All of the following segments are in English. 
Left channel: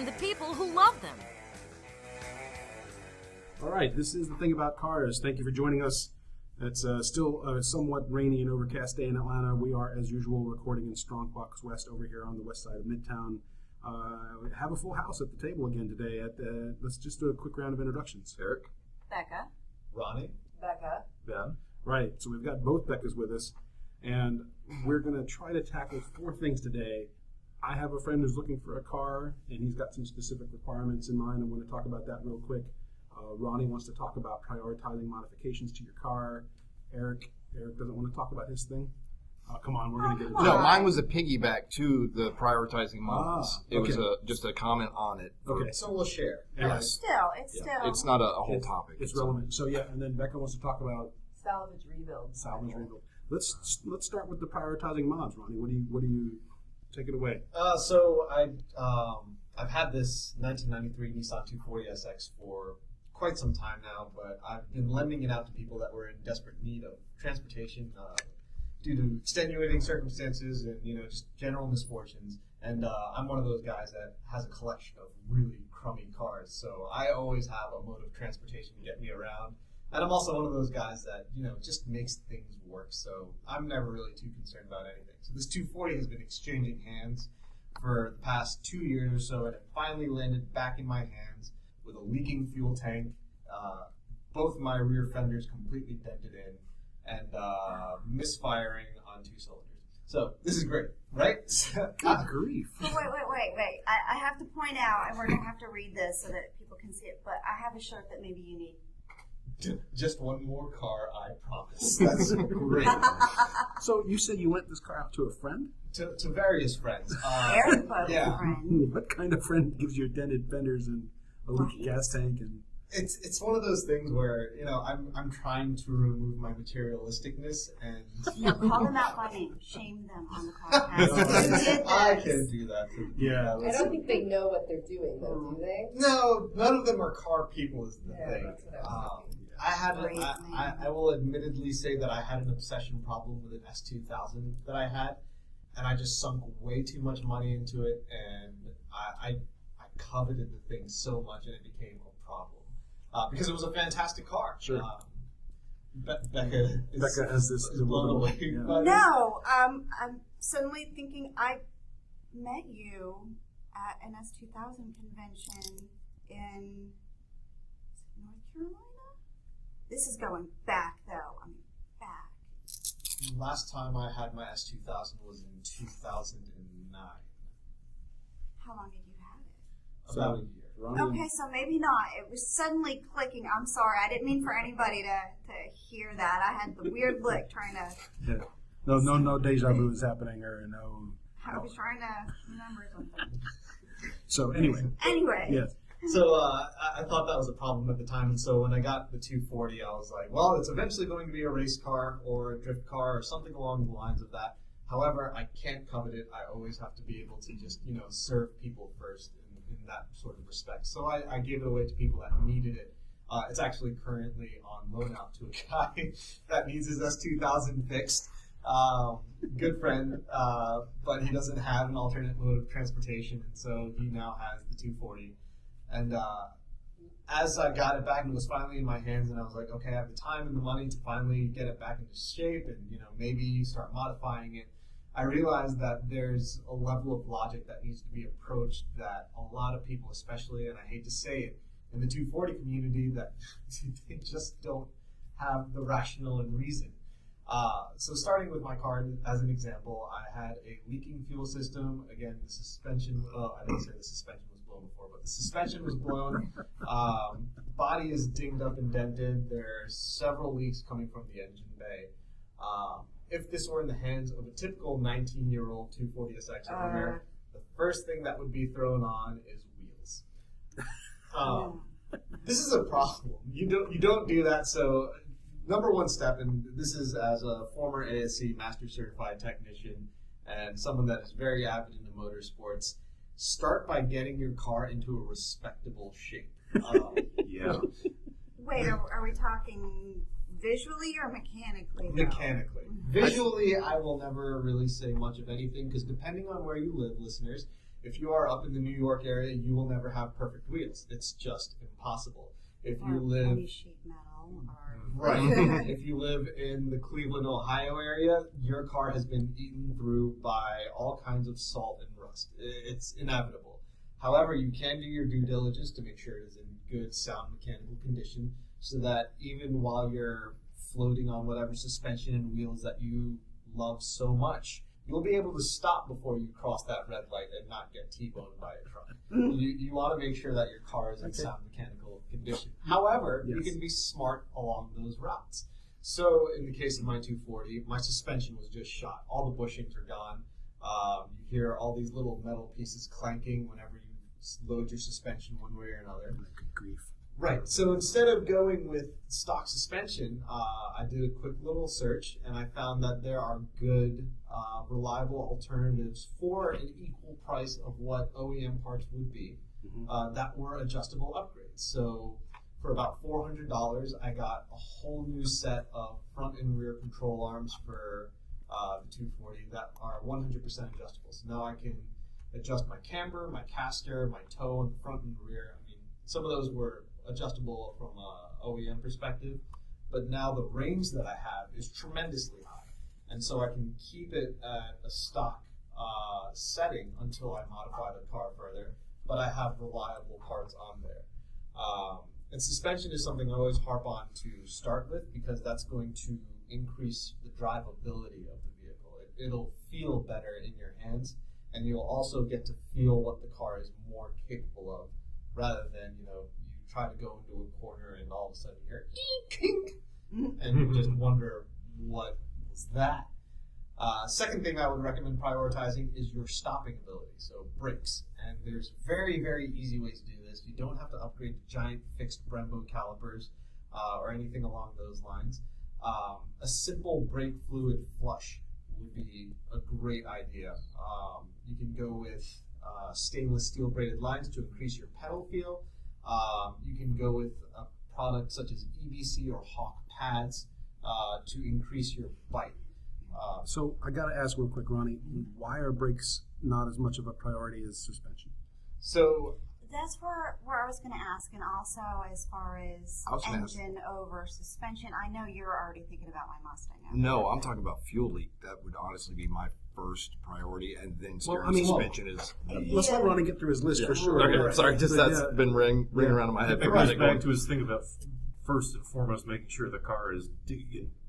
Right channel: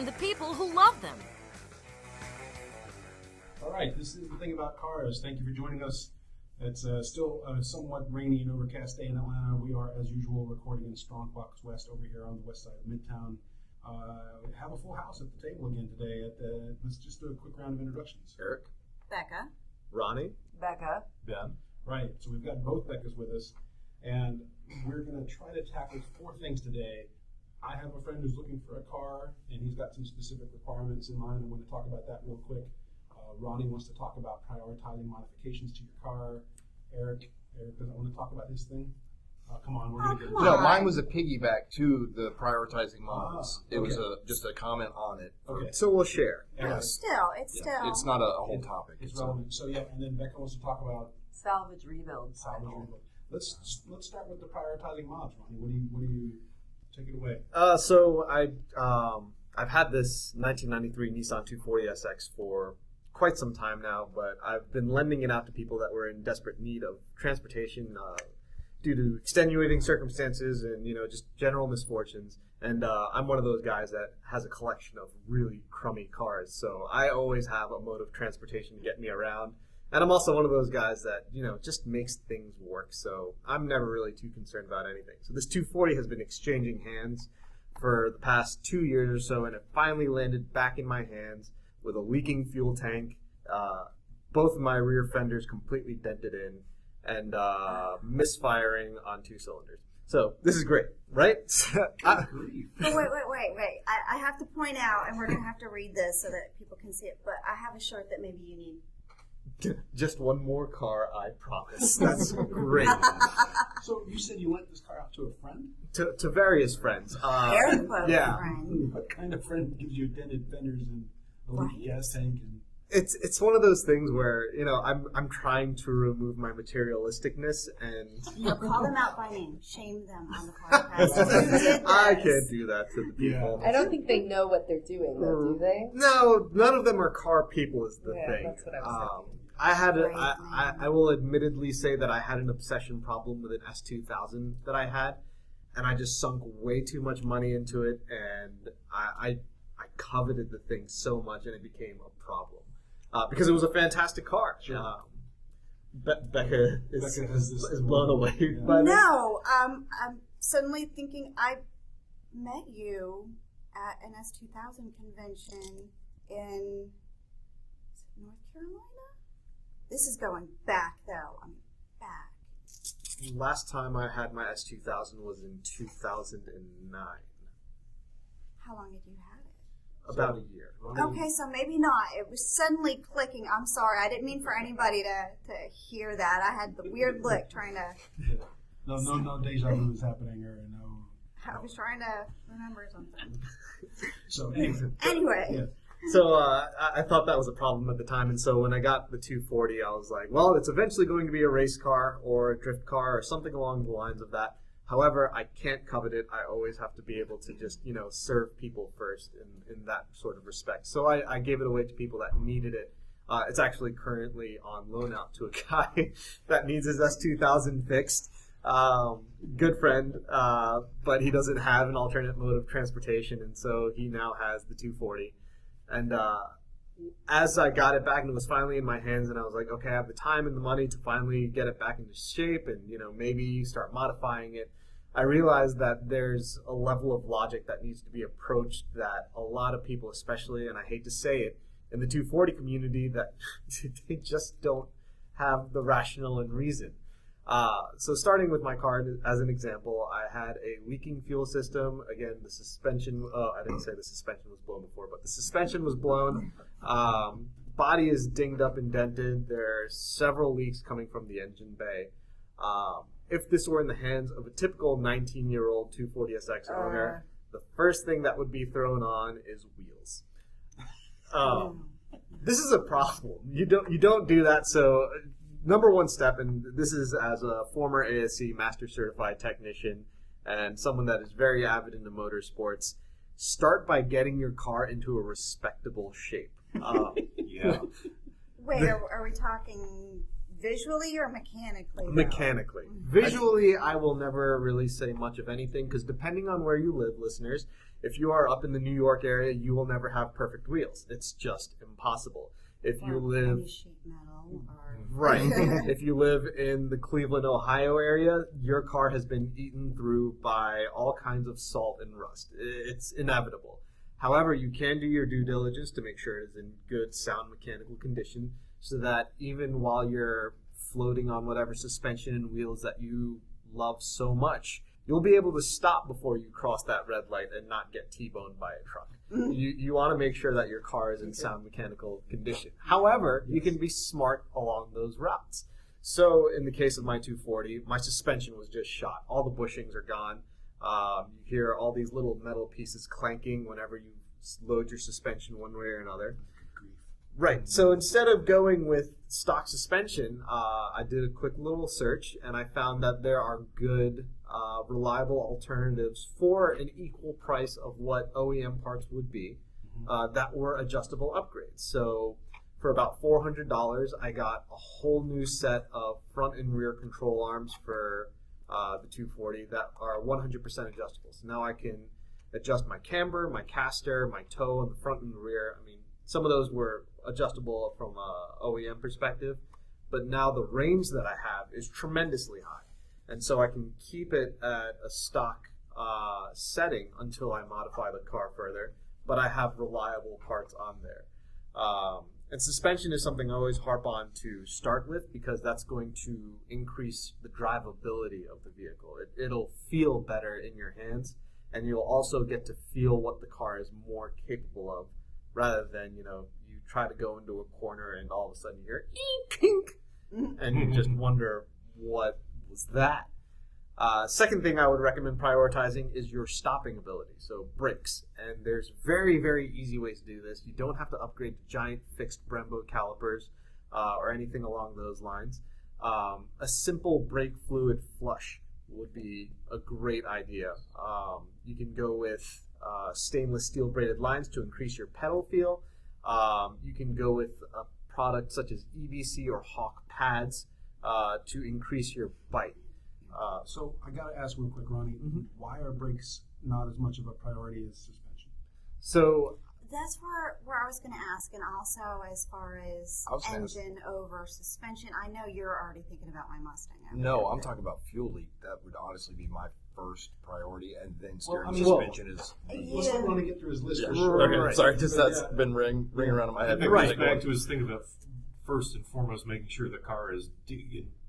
and the people who love them. All right, this is The Thing About Cars. Thank you for joining us. It's still a somewhat rainy and overcast day in Atlanta. We are, as usual, recording in Strong Box West over here on the west side of Midtown. We have a full house at the table again today. Let's just do a quick round of introductions. Eric? Becca. Ronny. Becca. Ben. Right, so we've got both Beccas with us, and we're going to try to tackle 4 things today. I have a friend who's looking for a car, and he's got some specific requirements in mind. I'm going to talk about that real quick. Ronny wants to talk about prioritizing modifications to your car. Eric doesn't want to talk about his thing. Come on, we're going to get it. No, mine was a piggyback to the prioritizing mods. Okay. It was just a comment on it. Okay. So we'll share. And It's still. It's not a whole topic. It's relevant. So yeah, and then Becca wants to talk about Salvage rebuild. salvage rebuild. Let's start with the prioritizing mods, Ronny. What do you take it away? So I've had this 1993 Nissan 240SX for quite some time now, but I've been lending it out to people that were in desperate need of transportation due to extenuating circumstances and just general misfortunes. And I'm one of those guys that has a collection of really crummy cars, so I always have a mode of transportation to get me around. And I'm also one of those guys that just makes things work, so I'm never really too concerned about anything. So this 240 has been exchanging hands for the past 2 years or so, and it finally landed back in my hands with a leaking fuel tank, both of my rear fenders completely dented in, and misfiring on 2 cylinders. So this is great, right? Good grief. Oh, wait. I have to point out, and we're going to have to read this so that people can see it, but I have a shirt that maybe you need. Just one more car, I promise. That's great. So you said you lent this car out to a friend? To various friends. Very close yeah. friend. What kind of friend gives you dented fenders and a leaky gas tank? And It's one of those things where I'm trying to remove my materialisticness and Call them out by name. Shame them on the podcast. I can't do that to the people. Yeah. I don't think they know what they're doing, though, do they? No, none of them are car people is the thing. That's what I was thinking. I will admittedly say that I had an obsession problem with an S2000 that I had, and I just sunk way too much money into it, and I coveted the thing so much, and it became a problem because it was a fantastic car. Sure. Becca is blown away by this. No, I'm suddenly thinking I met you at an S2000 convention in North Carolina. This is going back, though. I mean, back. Last time I had my S2000 was in 2009. How long did you have it? About a year. Okay, so maybe not. It was suddenly clicking. I'm sorry. I didn't mean for anybody to hear that. I had the weird look trying to... Yeah. No deja vu is happening or no... I was trying to remember something. So anyway. Anyway. Yes. So I thought that was a problem at the time, and so when I got the 240, I was like, well, it's eventually going to be a race car or a drift car or something along the lines of that. However, I can't covet it. I always have to be able to just, serve people first in that sort of respect. So I gave it away to people that needed it. It's actually currently on loan out to a guy that needs his S2000 fixed. Good friend, but he doesn't have an alternate mode of transportation, and so he now has the 240. And as I got it back and it was finally in my hands, and I was like, okay, I have the time and the money to finally get it back into shape and, maybe start modifying it, I realized that there's a level of logic that needs to be approached that a lot of people, especially, and I hate to say it, in the 240 community, that they just don't have the rationale and reason. So starting with my car as an example, I had a leaking fuel system. Again, the suspension, I didn't say the suspension was blown before, but the suspension was blown. Body is dinged up and dented. There's several leaks coming from the engine bay. If this were in the hands of a typical 19-year-old 240SX owner, the first thing that would be thrown on is wheels. This is a problem. You don't do that, so... Number one step, and this is as a former ASC Master Certified Technician and someone that is very avid into motorsports, start by getting your car into a respectable shape. Yeah. Wait, are we talking Visually or mechanically? though? Mechanically. Visually, I will never really say much of anything because depending on where you live, listeners, if you are up in the New York area, you will never have perfect wheels. It's just impossible. If you Or live heavy sheet metal or right, if you live in the Cleveland, Ohio area, your car has been eaten through by all kinds of salt and rust. It's inevitable. However, you can do your due diligence to make sure it is in good, sound mechanical condition so that even while you're floating on whatever suspension and wheels that you love so much, you'll be able to stop before you cross that red light and not get T-boned by a truck. You want to make sure that your car is in sound mechanical condition. However, you can be smart along those routes. So in the case of my 240, my suspension was just shot. All the bushings are gone. You hear all these little metal pieces clanking whenever you load your suspension one way or another. Good grief. Right. So instead of going with stock suspension, I did a quick little search and I found that there are good, reliable alternatives for an equal price of what OEM parts would be that were adjustable upgrades. So for about $400, I got a whole new set of front and rear control arms for the 240 that are 100% adjustable. So now I can adjust my camber, my caster, my toe on the front and the rear. I mean, some of those were adjustable from a OEM perspective, but now the range that I have is tremendously high. And so I can keep it at a stock setting until I modify the car further, but I have reliable parts on there. And suspension is something I always harp on to start with because that's going to increase the drivability of the vehicle. It'll feel better in your hands, and you'll also get to feel what the car is more capable of, rather than, you try to go into a corner and all of a sudden you hear "Eek," and you just wonder what was that. Second thing I would recommend prioritizing is your stopping ability, so brakes. And there's very, very easy ways to do this. You don't have to upgrade to giant fixed Brembo calipers or anything along those lines. A simple brake fluid flush would be a great idea. You can go with stainless steel braided lines to increase your pedal feel. You can go with a product such as EBC or Hawk pads to increase your bite. So I got to ask real quick, Ronnie, why are brakes not as much of a priority as suspension? So That's where I was going to ask, and also as far as engine over suspension, I know you're already thinking about my Mustang. No, I'm talking about fuel leak. That would honestly be my first priority, and then suspension is the... Let's let Ronnie get through his list for sure. Okay, Right. sorry, just that's been ringing around in my head. It goes back to his thing about first and foremost making sure the car is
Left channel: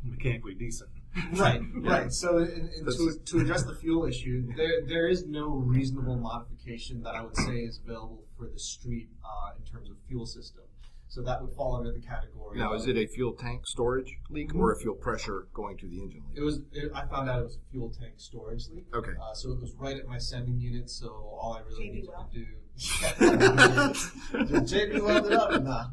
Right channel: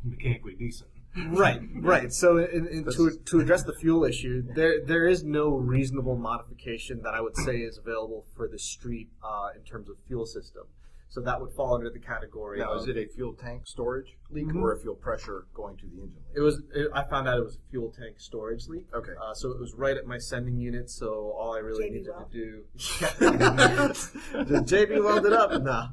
mechanically decent. Right. So to address the fuel issue, there is no reasonable modification that I would say is available for the street in terms of fuel system. So that would fall under the category. Now, is it a fuel tank storage leak or a fuel pressure going to the engine leak? I found out it was a fuel tank storage leak. Okay. So it was right at my sending unit. So all I really JB needed weld. to do, just JB welded up. Nah.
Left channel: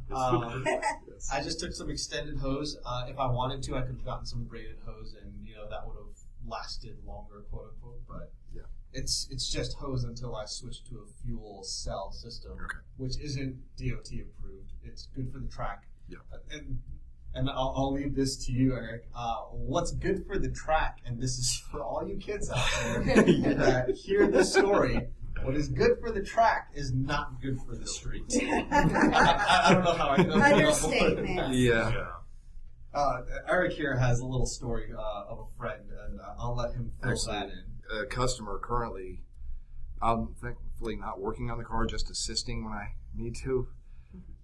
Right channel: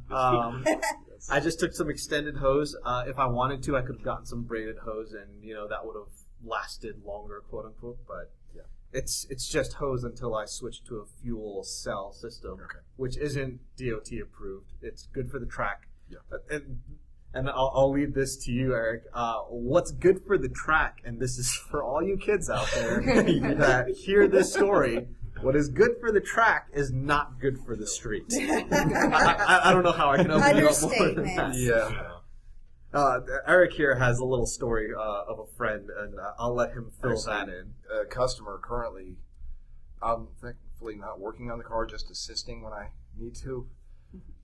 I just took some extended hose. If I wanted to, I could have gotten some braided hose, and that would have lasted longer, quote unquote. But yeah, it's just hose until I switch to a fuel cell system, which isn't DOT approved. It's good for the track. Yeah. And I'll leave this to you, Eric. What's good for the track, and this is for all you kids out there that hear this story. What is good for the track is not good for the street. I don't know how I can open it up more than that. Yeah. Eric here has a little story of a friend, and I'll let him fill that in. A customer currently, I'm thankfully not working on the car, just assisting when I need to.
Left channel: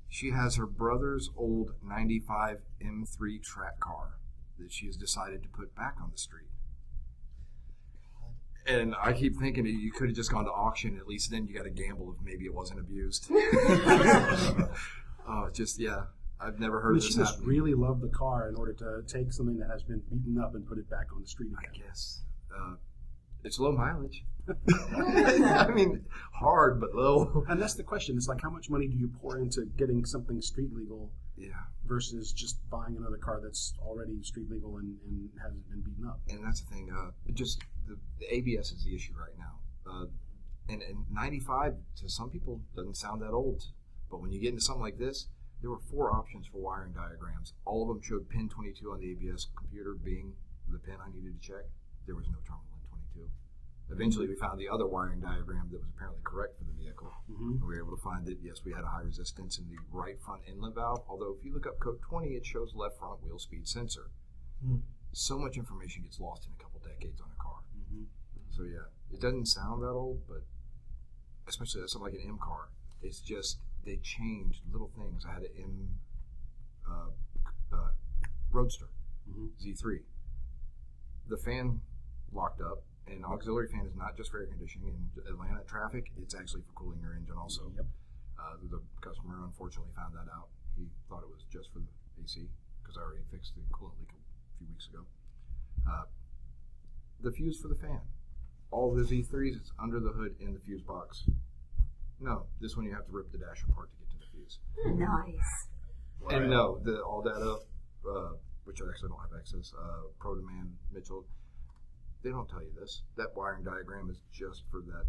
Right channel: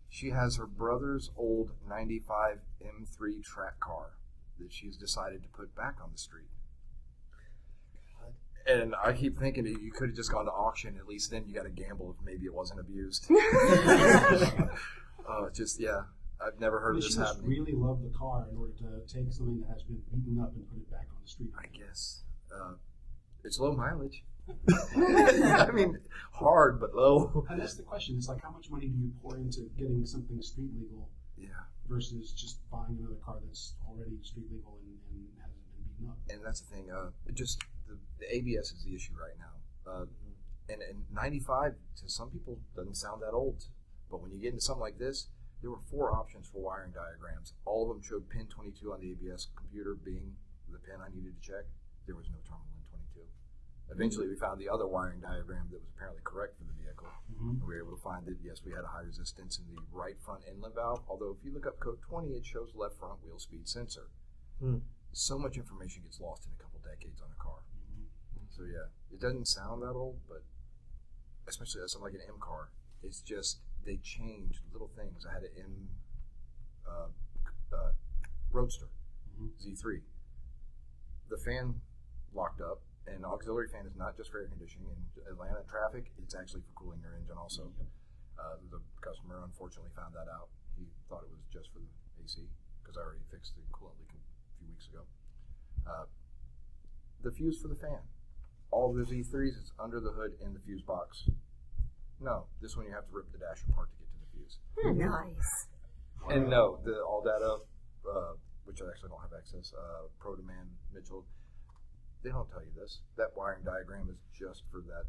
She has her brother's old 95 M3 track car that she has decided to put back on the street. And I keep thinking that you could have just gone to auction. At least then you got to gamble if maybe it wasn't abused. I've never heard of this She must happening. really love the car in order to take something that has been beaten up and put it back on the street again. I guess. It's low mileage. I mean, hard, but low. And that's the question. It's like, how much money do you pour into getting something street legal versus just buying another car that's already street legal and hasn't been beaten up? And that's the thing. The ABS is the issue right now. And 95 to some people doesn't sound that old, but when you get into something like this, there were 4 options for wiring diagrams. All of them showed pin 22 on the ABS computer being the pin I needed to check. There was no terminal in 22. Eventually, we found the other wiring diagram that was apparently correct for the vehicle. And we were able to find that, yes, we had a high resistance in the right front inlet valve, although if you look up code 20, it shows left front wheel speed sensor. So much information gets lost in a couple decades on a car. So yeah, it doesn't sound that old, but especially as something like an M car, it's just, they changed little things. I had an M Roadster Z3. The fan locked up, and auxiliary fan is not just for air conditioning. In Atlanta traffic, it's actually for cooling your engine also. The customer unfortunately found that out. He thought it was just for the AC, because I already fixed the coolant leak a few weeks ago. The fuse for the fan. All the Z3s, it's under the hood in the fuse box. No, this one you have to rip the dasher apart to get to the fuse. Nice. And no, all that up, which I actually don't have access, Pro Demand, Mitchell, they don't tell you this. That wiring diagram is just for the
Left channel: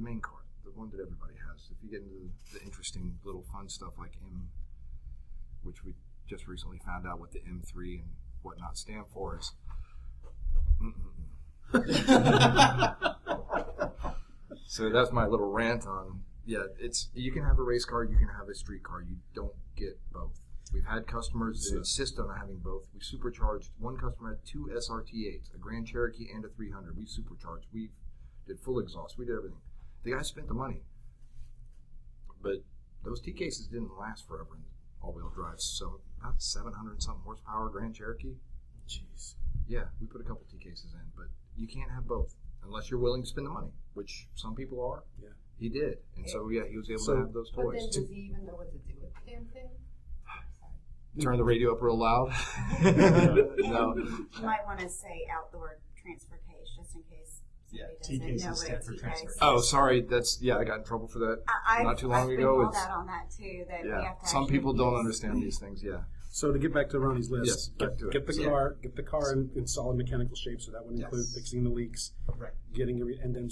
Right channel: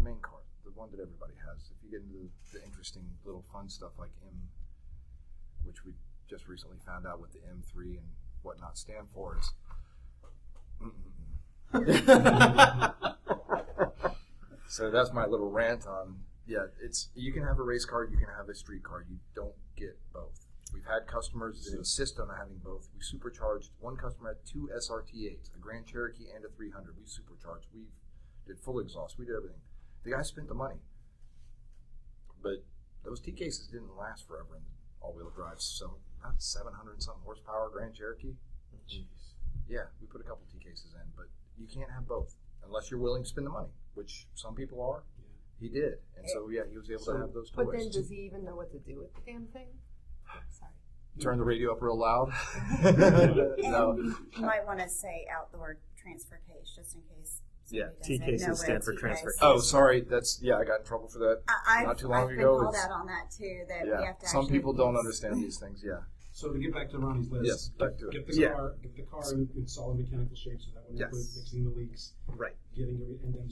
main car, the one that everybody has. If you get into the interesting little fun stuff like M, which we just recently found out what the M3 and whatnot stand for is. So that's my little rant on, you can have a race car, you can have a street car, you don't get both. We've had customers that insist on having both. We supercharged, one customer had 2 SRT8s, a Grand Cherokee and a 300. We supercharged, we did full exhaust, we did everything. The guy spent the money. But those T cases didn't last forever in all-wheel drive, so about 700-something horsepower Grand Cherokee. Jeez. Yeah, we put a couple T cases in, but you can't have both unless you're willing to spend the money, which some people are. Yeah. He did, and so yeah, he was able to have those But then toys. does he even know what to do with the damn thing? Sorry. Turn the radio up real loud. No. You might want to say outdoor transfer case just in case. Yeah, somebody T doesn't know cases what a stand for T transfer case case. Oh, sorry. I got in trouble for that not too long I've ago. been called out on that too. That we have to Some actually people don't use- understand these things. Yeah. So to get back to Ronnie's list, Yes, back to it. get the car in solid mechanical shape. So that would include fixing the leaks, Right. getting and then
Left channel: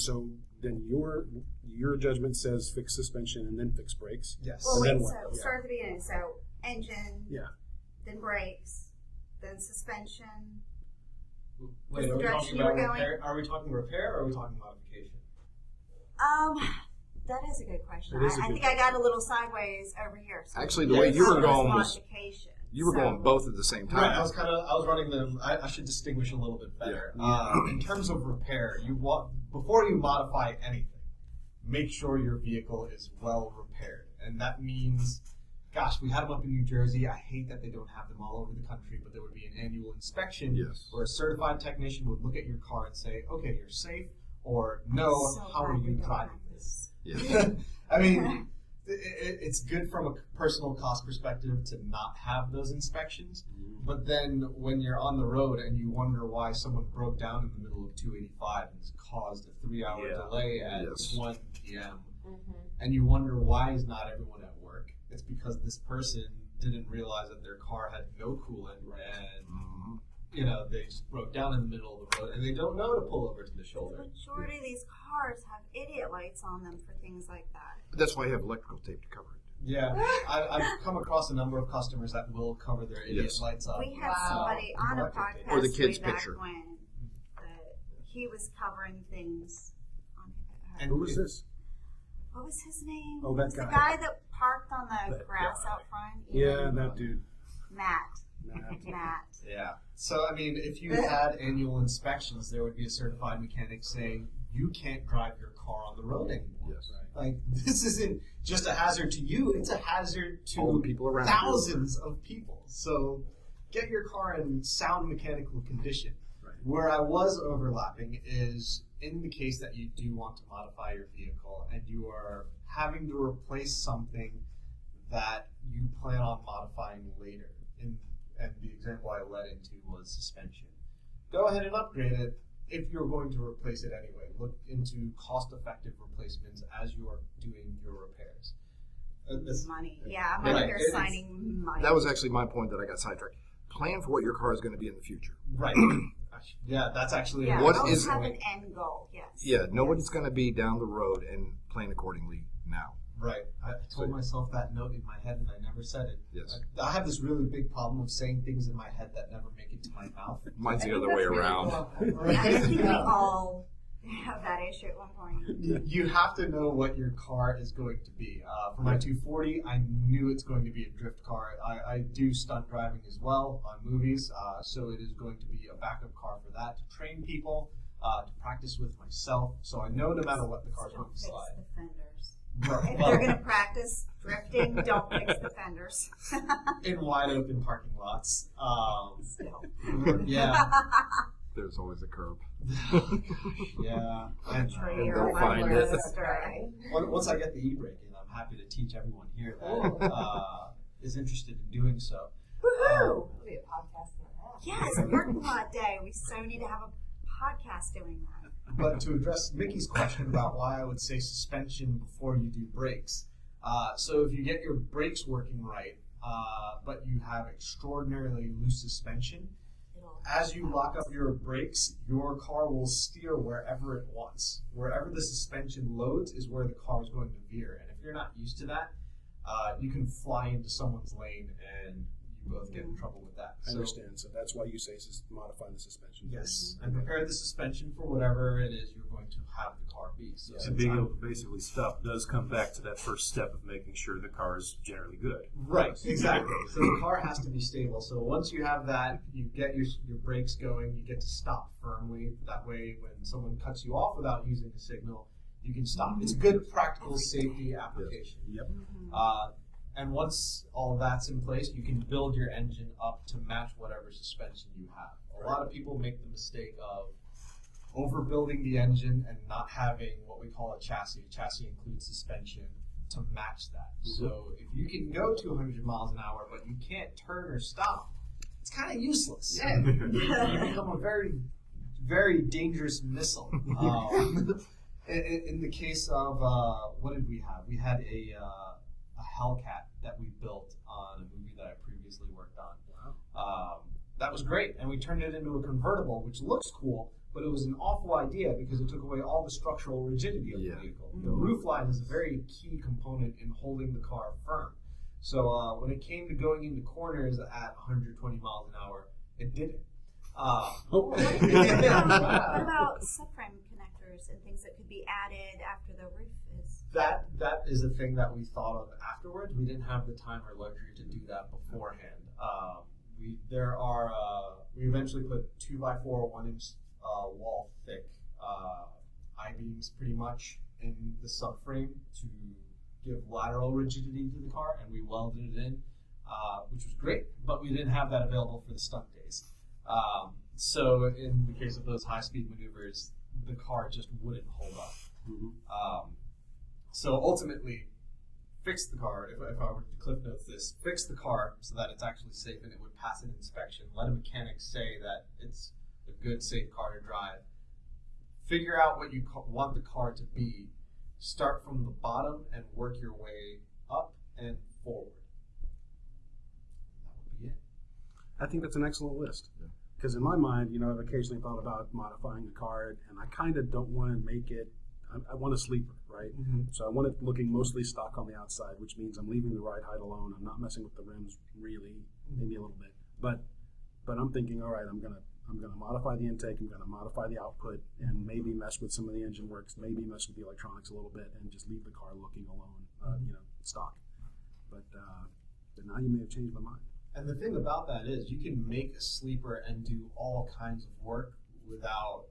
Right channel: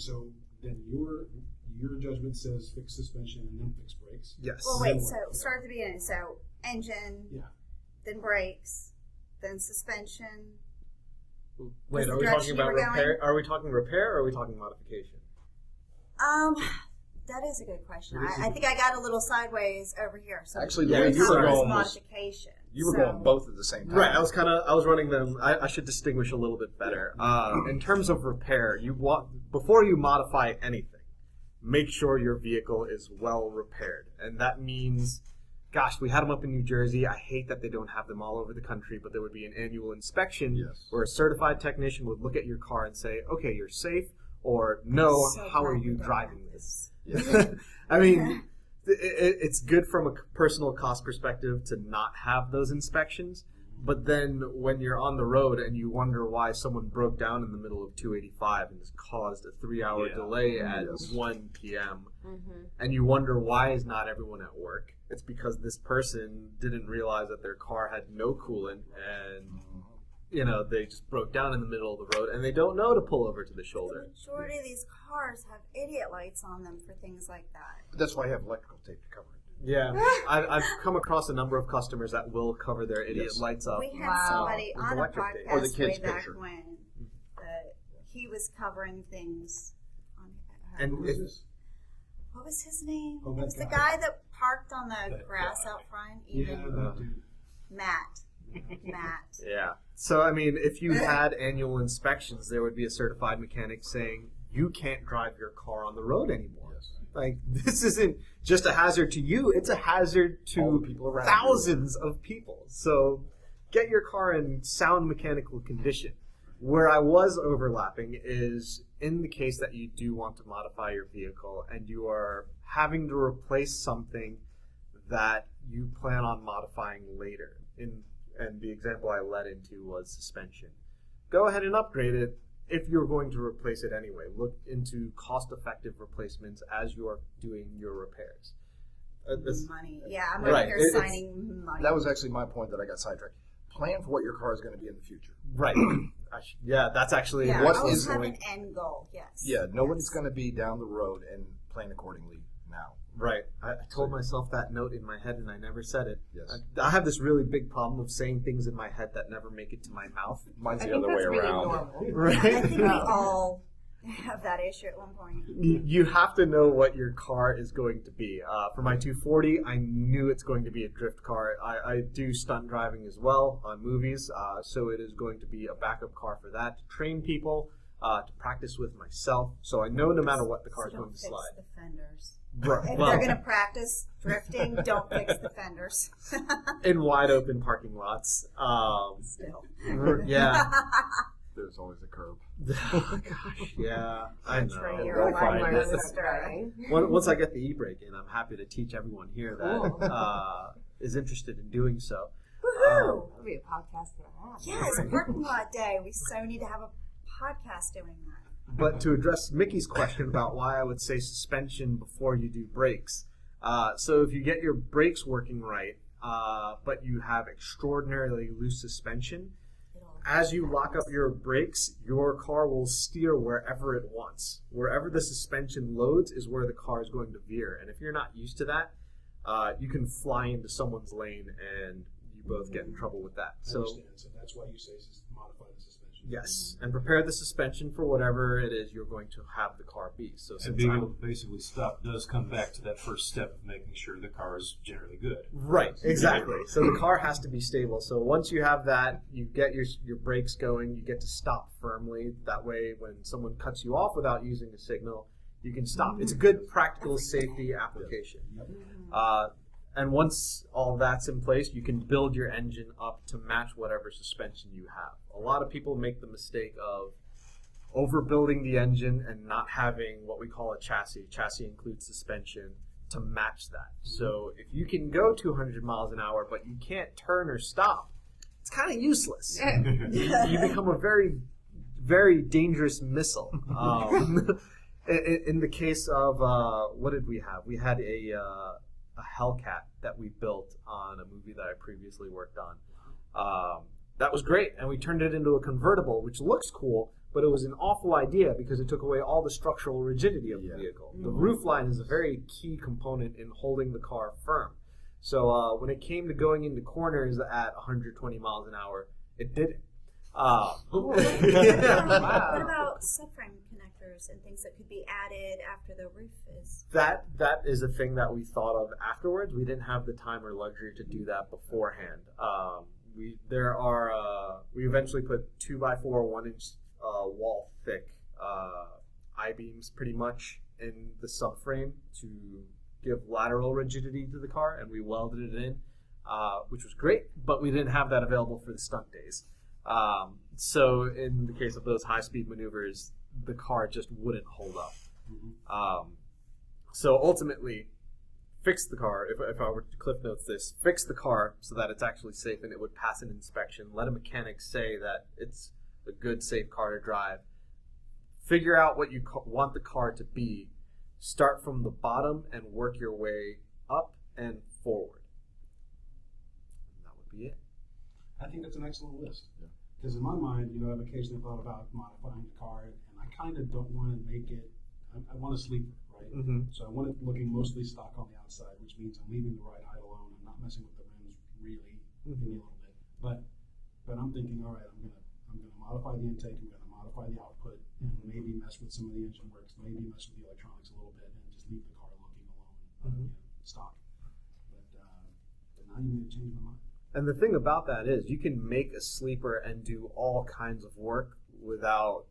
your judgment says fix suspension and then fix brakes. Yes. Well, then wait. what? So Yeah. start at the beginning. So engine, then brakes, then suspension. Wait, are we direction talking you about were going? repair? Are we talking repair or are we talking modification? That is a good question. It is a I good think I got a little sideways over here. So Actually, the way you were going was modification. you were going both at the same time. Right, I was running them. I should distinguish a little bit better. In terms of repair, before you modify anything, make sure your vehicle is well repaired, and that means, gosh, we had them up in New Jersey. I hate that they don't have them all over the country, but there would be an annual inspection where a certified technician would look at your car and say, "Okay, you're safe," or "No, So how are glad you we driving did this?" Yeah. I mean, it's good from a personal cost perspective to not have those inspections, but then when you're on the road and you wonder why someone broke down in the middle of 285 and has caused a 3-hour delay at 1 p.m., and you wonder why is not everyone at work, it's because this person didn't realize that their car had no coolant and they just broke down in the middle of the road and they don't know to pull over to the shoulder. The majority of these cars have idiot lights on them for things like that. That's why you have electrical tape to cover it. Yeah, I've come across a number of customers that will cover their idiot lights up. We had somebody With on a electric tape. podcast Or the kid's way back picture. when he was covering things on And Who is this? what was his name? Oh, It was that the guy. guy that parked on the grass out front. Yeah, that dude. Matt. Yeah. So, I mean, if you had annual inspections, there would be a certified mechanic saying, you can't drive your car on the road anymore. Yes. Like, this isn't just a hazard to you, it's a hazard All to the people around thousands of people. So, get your car in sound mechanical condition. Where I was overlapping is in the case that you do want to modify your vehicle and you are having to replace something that you plan on modifying later. And the example I led into was suspension. Go ahead and upgrade it if you're going to replace it anyway. Look into cost-effective replacements as you're doing your repairs. Money. Yeah, I'm Right. over here It's- signing money. That was actually my point that I got sidetracked. Plan for what your car is going to be in the future. Right. Yeah, that's actually yeah, a What good always is have point. an end goal. Yes. Yeah, nobody's going to be down the road and plan accordingly now. Right. I told myself that note in my head and I never said it. Yes. I have this really big problem of saying things in my head that never make it to my mouth. Mine's I the think other way that's really around. normal. I think Right? we all have that issue at one point. You have to know what your car is going to be. For my 240, I knew it's going to be a drift car. I do stunt driving as well on movies, so it is going to be a backup car for that, to train people, to practice with myself. So I know no matter what, the car is So going don't to fix slide. the fenders. Right. If Well, they're going to practice drifting, don't fix the fenders. in wide open parking lots. Still. Yeah. There's always a curb. Oh, gosh, yeah, I Trey, know. you're Go a find liar. learn Sister. stuff driving. Once I get the e-brake in, I'm happy to teach everyone here Cool. that is interested in doing so. Woohoo! That'll be a podcast and a half. Yes, parking lot day. We so need to have a podcast doing that. But to address Mickey's question about why I would say suspension before you do brakes, so if you get your brakes working right, but you have extraordinarily loose suspension, as you lock up your brakes, your car will steer wherever it wants. Wherever the suspension loads is where the car is going to veer. And if you're not used to that, you can fly into someone's lane and you both get in trouble with that. I understand. So that's why you say modify the suspension. Yes, and prepare the suspension for whatever it is you're going to have the car be. So And being able to basically stop does come back to that first step of making sure the car is generally good. Right, exactly. So the car has to be stable. So once you have that, you get your brakes going, you get to stop firmly. That way, when someone cuts you off without using a signal, you can stop. It's a good practical safety application. Yep. And once all that's in place, you can build your engine up to match whatever suspension you have. A lot of people make the mistake of overbuilding the engine and not having what we call a chassis. Chassis includes suspension to match that. So if you can go 200 miles an hour, but you can't turn or stop, it's kind of useless. You become a very, very dangerous missile. In the case of, what did we have? We had a Hellcat that we built on a movie that I previously worked on. That was great, and we turned it into a convertible, which looks cool, but it was an awful idea because it took away all the structural rigidity of the vehicle. The roofline is a very key component in holding the car firm. So when it came to going into corners at 120 miles an hour, it didn't. What Yeah. about subframe connectors and things that could be added after the roof is? That is a thing that we thought of afterwards. We didn't have the time or luxury to do that beforehand. We eventually put 2x4 1-inch wall thick I-beams pretty much in the subframe to give lateral rigidity to the car, and we welded it in, which was great. But we didn't have that available for the stunt days. So in the case of those high-speed maneuvers, the car just wouldn't hold up. So ultimately, fix the car, if I were to cliff notes this, fix the car so that it's actually safe and it would pass an inspection. Let a mechanic say that it's a good, safe car to drive. Figure out what you want the car to be. Start from the bottom and work your way up and forward. That would be it. I think that's an excellent list. Because in my mind, I've occasionally thought about modifying a car, and I kind of don't want to make it. I want a sleeper, right? Mm-hmm. So I want it looking mostly stock on the outside, which means I'm leaving the ride height alone. I'm not messing with the rims really, maybe a little bit. But I'm thinking, all right, I'm gonna modify the intake. I'm gonna modify the output, and maybe mess with some of the engine works. Maybe mess with the electronics a little bit, and just leave the car looking alone, stock. But now you may have changed my mind. And the thing about that is you can make a sleeper and do all kinds of work without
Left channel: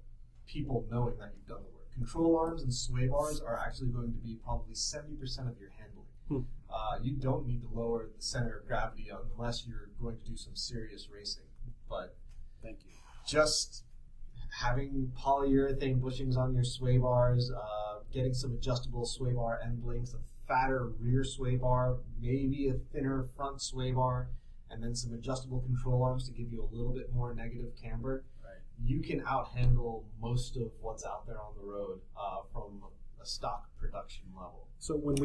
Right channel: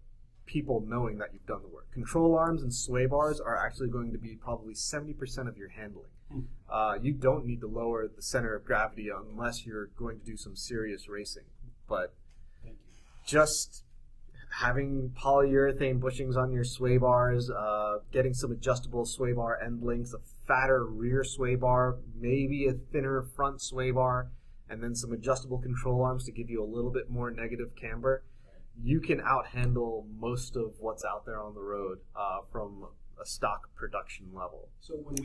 people knowing that you've done the work. Control arms and sway bars are actually going to be probably 70% of your handling. You don't need to lower the center of gravity unless you're going to do some serious racing. But Thank you. just having polyurethane bushings on your sway bars, getting some adjustable sway bar end links, a fatter rear sway bar, maybe a thinner front sway bar, and then some adjustable control arms to give you a little bit more negative camber, you can outhandle most of what's out there on the road from a stock production level. So when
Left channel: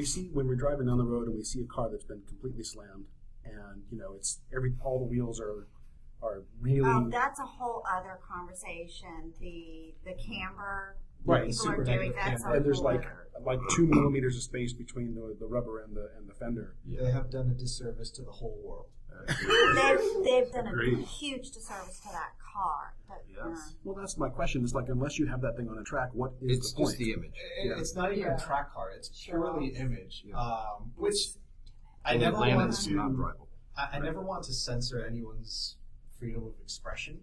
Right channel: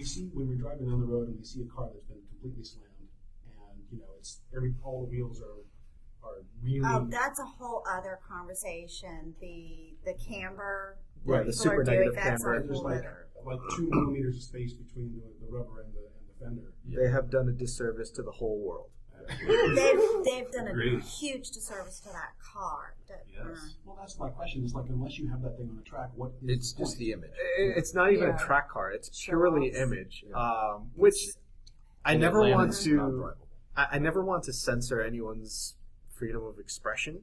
we're driving down the road and we see a car that's been completely slammed, and it's all the wheels are really. That's a whole other conversation. The camber Right, the People super are doing negative that camber. sort of And there's like litter. 2 millimeters of space between the rubber and the fender. They have done a disservice to the whole world. They've done a Great. huge disservice to that car. Yes. Well, that's my question. It's like, unless you have that thing on a track, what is It's the point? just the image. It's not even Yeah. a track car; it's Show purely offs. image, Yeah. which I And never it want lands to. not drivable. I never want to censor anyone's freedom of expression.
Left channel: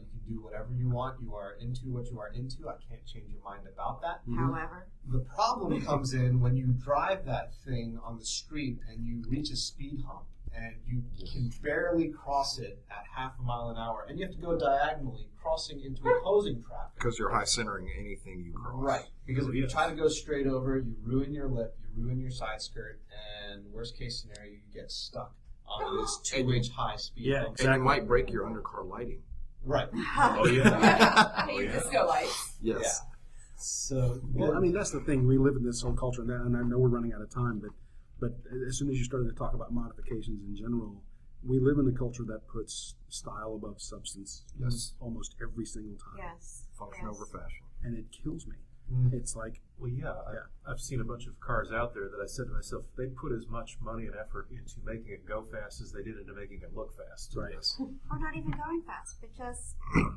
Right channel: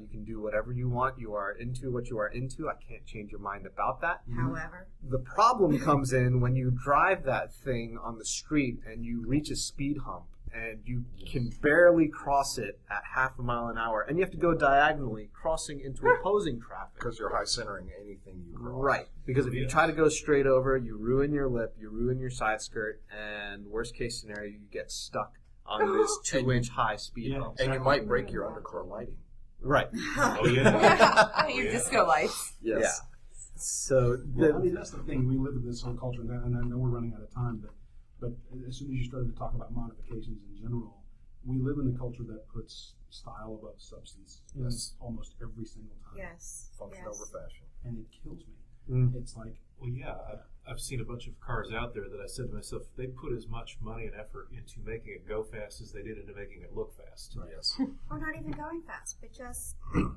You can do whatever you want. You are into what you are into. I can't change your mind about that. However, The problem comes in when you drive that thing on the street and you reach a speed hump and you can barely cross it at half a mile an hour, and you have to go diagonally, crossing into opposing traffic. Because you're high centering anything you cross. Right, because if you Yes. try to go straight over, you ruin your lip, you ruin your side skirt, and worst case scenario, you get stuck on this 2-inch high speed Yeah, hump. And you might break your undercar lighting. Right. Oh yeah. Your yeah. disco lights. Yes. Yeah. So, Well, I mean, that's the thing. We live in this whole culture, and I know we're running out of time, but as soon as you started to talk about modifications in general, we live in a culture that puts style above substance Yes. almost every single time. yes. Function yes. over fashion. And it kills me. Mm. It's like, Well, yeah, I've seen a bunch of cars out there that I said to myself, they put as much money and effort into making it go fast as they did into making it look fast. right. Yes. Or not even going fast, but just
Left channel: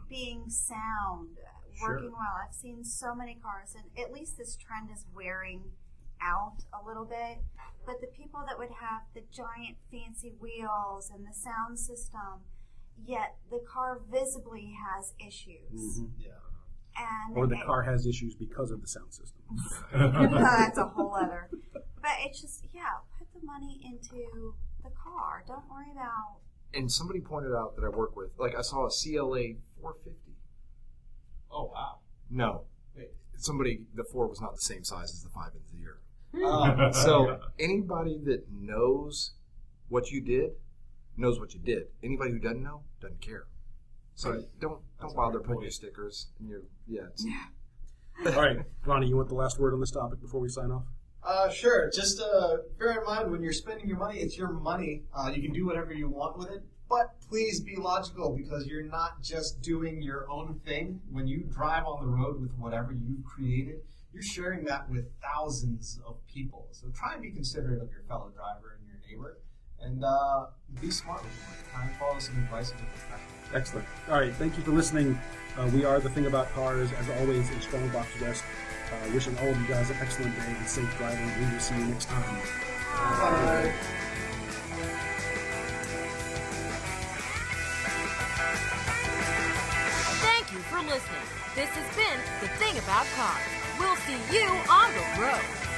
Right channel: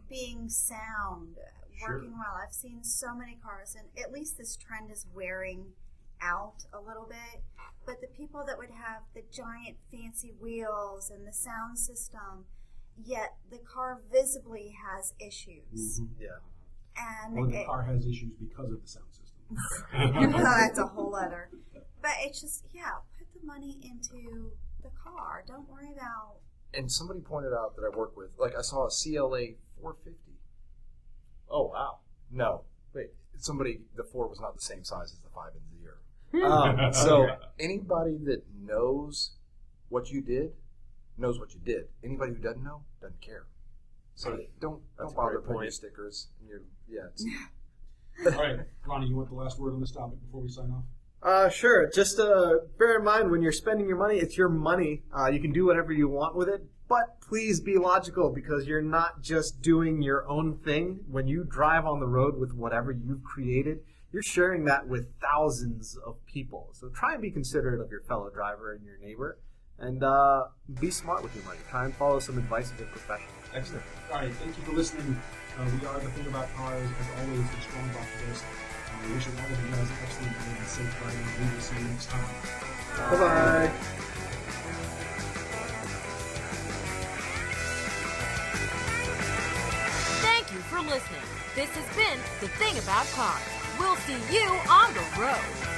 being sound, Sure. working well. I've seen so many cars, and at least this trend is wearing out a little bit. But the people that would have the giant fancy wheels and the sound system, yet the car visibly has issues. Yeah. And Or the it- car has issues because of the sound system. that's a whole other. But it's just, yeah, put the money into the car. Don't worry about. And somebody pointed out that I work with, like I saw a CLA 450. Oh, wow. No. Wait. Somebody, the 4 was not the same size as the 5 in the year. So, Anybody that knows what you did, knows what you did. Anybody who doesn't know, doesn't care. So don't That's a bother great putting your point. stickers in your, it's, All right, Ronny, you want the last word on this topic before we sign off? sure. Just bear in mind when you're spending your money, it's your money. You can do whatever you want with it, but please be logical because you're not just doing your own thing. When you drive on the road with whatever you've created, you're sharing that with thousands of people. So try and be considerate of your fellow driver and your neighbor, and be smart with your money. Try and follow some advice of a professional. Excellent. All right, thank you for listening. We are The Thing About Cars. As always, a strong box rest. Wishing all of you guys an excellent day and safe driving. We will see you next time. Bye-bye. Thank you for listening. This has been The Thing About Cars. We'll see you on the road.